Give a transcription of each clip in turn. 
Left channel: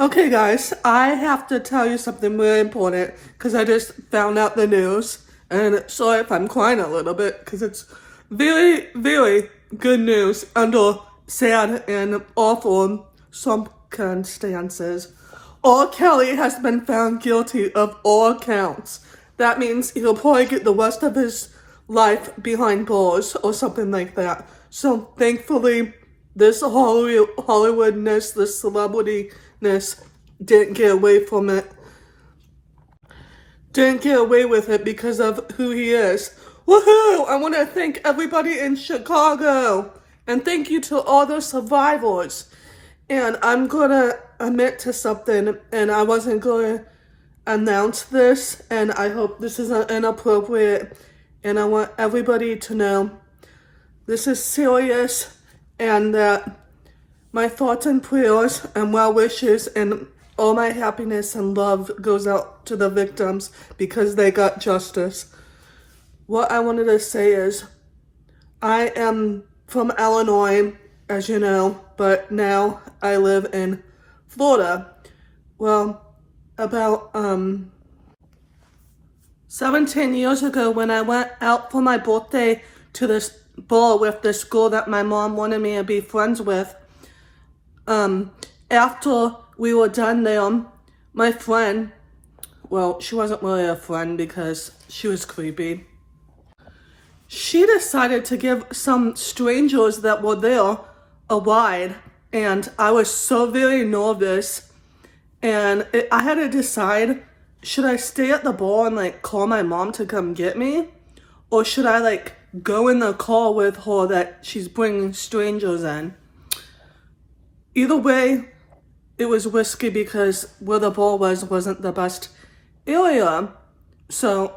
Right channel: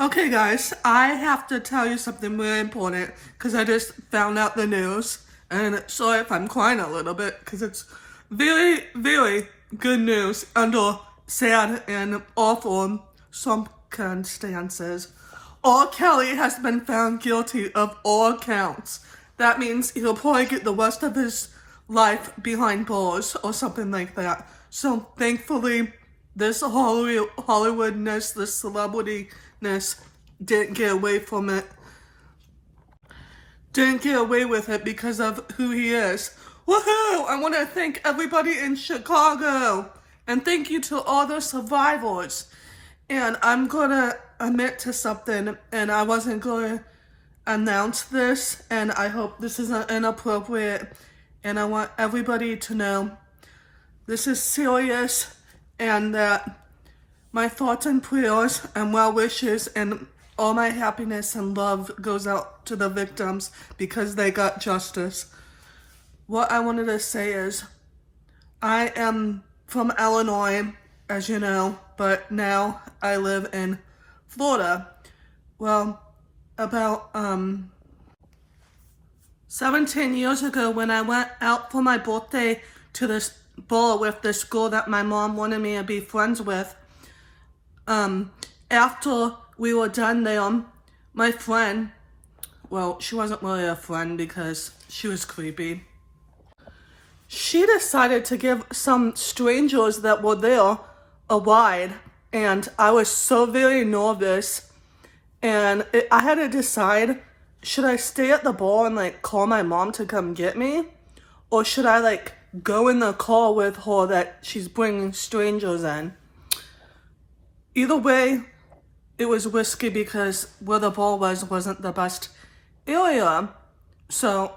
Okay, guys, I have to tell you something really important because I just found out the news. And sorry if I'm crying a little bit because it's very, very good news under sad and awful circumstances. R. Kelly has been found guilty of all counts. That means he'll probably get the rest of his life behind bars or something like that. So thankfully, this Hollywoodness, this celebrityness didn't get away from it. Didn't get away with it because of who he is. Woohoo! I want to thank everybody in Chicago. And thank you to all the survivors. And I'm going to admit to something, and I wasn't going to announce this, and I hope this isn't inappropriate, and I want everybody to know this is serious, and that my thoughts and prayers and well wishes and all my happiness and love goes out to the victims because they got justice. What I wanted to say is, I am from Illinois, as you know, but now I live in Florida. Well, about 17 years ago when I went out for my birthday to this ball with this girl that my mom wanted me to be friends with, after we were done there, my friend, well, she wasn't really a friend because she was creepy. She decided to give some strangers that were there a ride, and I was so very nervous, and I had to decide, should I stay at the bar and call my mom to come get me, or should I go in the car with her that she's bringing strangers in? Either way, it was risky because where the bar wasn't the best area, so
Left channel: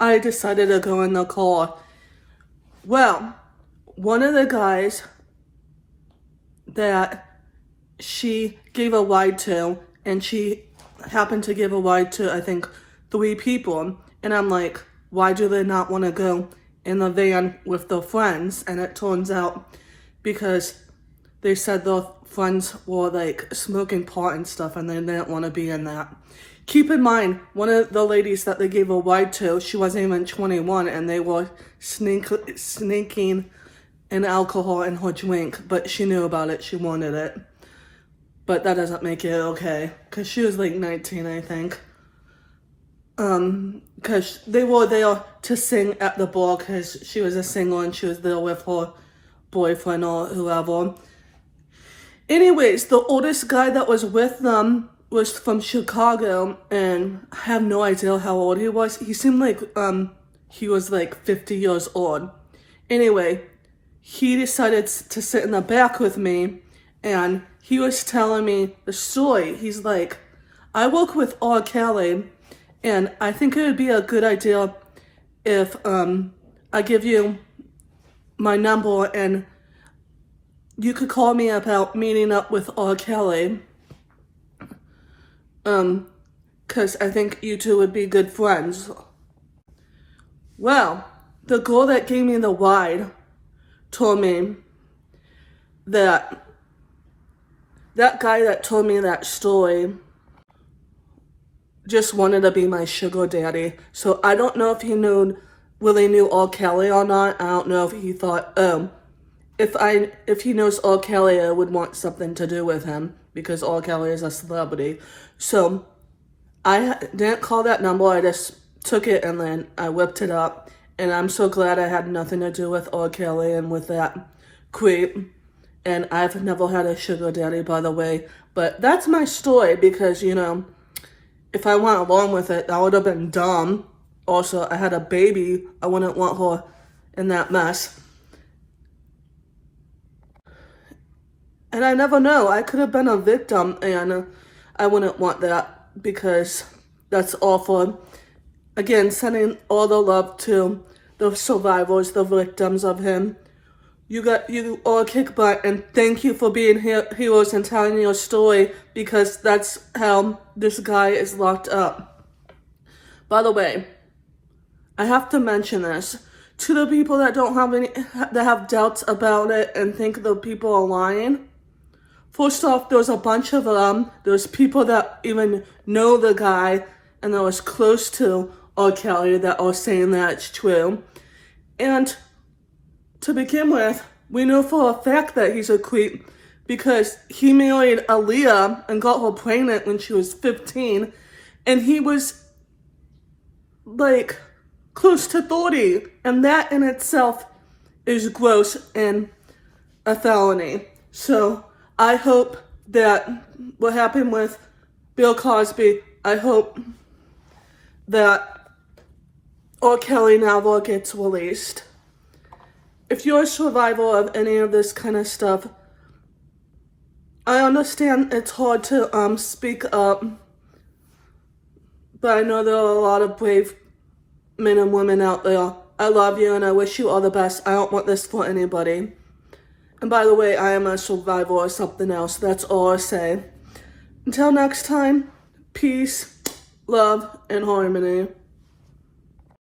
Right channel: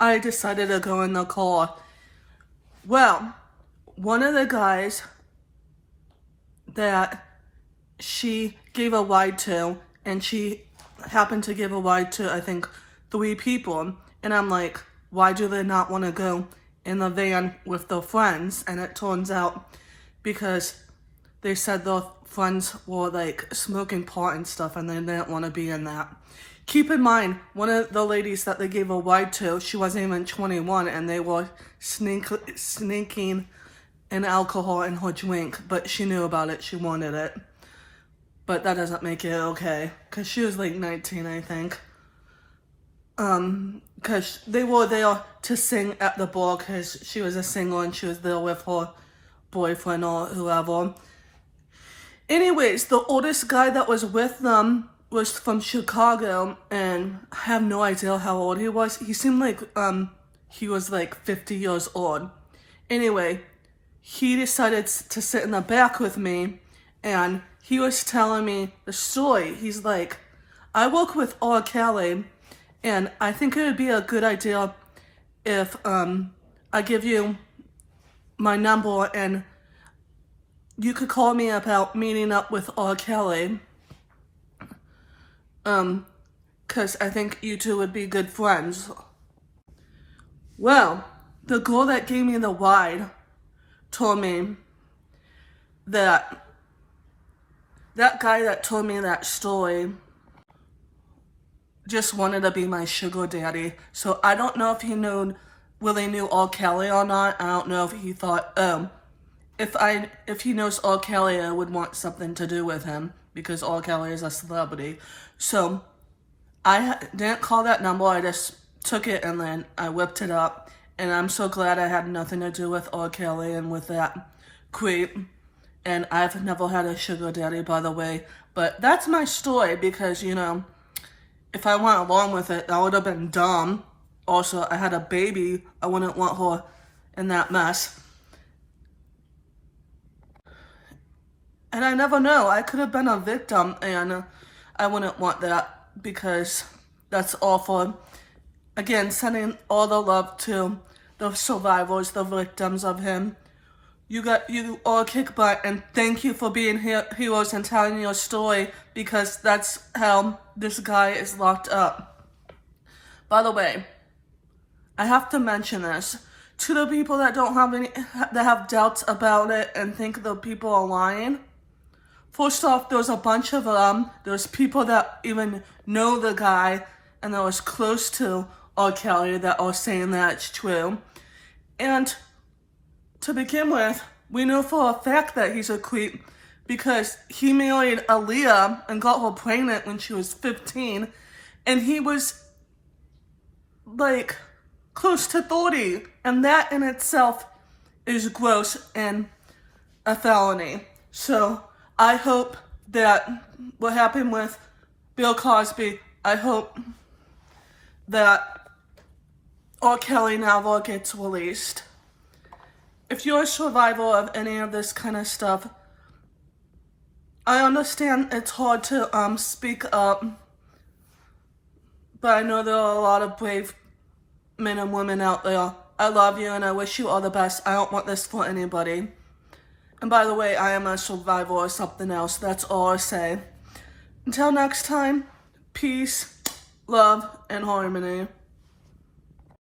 I decided to go in the car. Well, one of the guys that she gave a ride to, and she happened to give a ride to, I think, 3 people, and I'm like, why do they not want to go in the van with their friends? And it turns out because they said their friends were smoking pot and stuff, and they didn't want to be in that. Keep in mind, one of the ladies that they gave a ride to, she wasn't even 21, and they were sneaking an alcohol in her drink, but she knew about it, she wanted it. But that doesn't make it okay, because she was 19, I think. Because they were there to sing at the bar, because she was a singer and she was there with her boyfriend or whoever. Anyways, the oldest guy that was with them was from Chicago, and I have no idea how old he was. He seemed like he was 50 years old. Anyway, he decided to sit in the back with me, and he was telling me the story. He's like, I work with R. Kelly, and I think it would be a good idea if I give you my number and you could call me about meeting up with R. Kelly. Because I think you two would be good friends. Well, the girl that gave me the ride told me that that guy that told me that story just wanted to be my sugar daddy. So I don't know if he really knew R. Kelly or not. I don't know if he thought, if he knows R. Kelly, I would want something to do with him because R. Kelly is a celebrity. So I didn't call that number. I just took it and then I whipped it up. And I'm so glad I had nothing to do with R. Kelly and with that creep. And I've never had a sugar daddy, by the way. But that's my story because, if I went along with it, that would have been dumb. Also, I had a baby. I wouldn't want her in that mess. And I never know. I could have been a victim, and I wouldn't want that because that's awful. Again, sending all the love to the survivors, the victims of him. You all kick butt, and thank you for being heroes and telling your story because that's how this guy is locked up. By the way, I have to mention this to the people that that have doubts about it and think the people are lying. First off, there's a bunch of them. There's people that even know the guy and that was close to R. Kelly that are saying that's true. And to begin with, we know for a fact that he's a creep because he married Aaliyah and got her pregnant when she was 15, and he was like close to 30, and that in itself is gross and a felony. So I hope that what happened with Bill Cosby, I hope that R. Kelly never gets released. If you're a survivor of any of this kind of stuff, I understand it's hard to speak up, but I know there are a lot of brave men and women out there. I love you and I wish you all the best. I don't want this for anybody. And by the way, I am a survivor or something else. That's all I say. Until next time, peace, love, and harmony.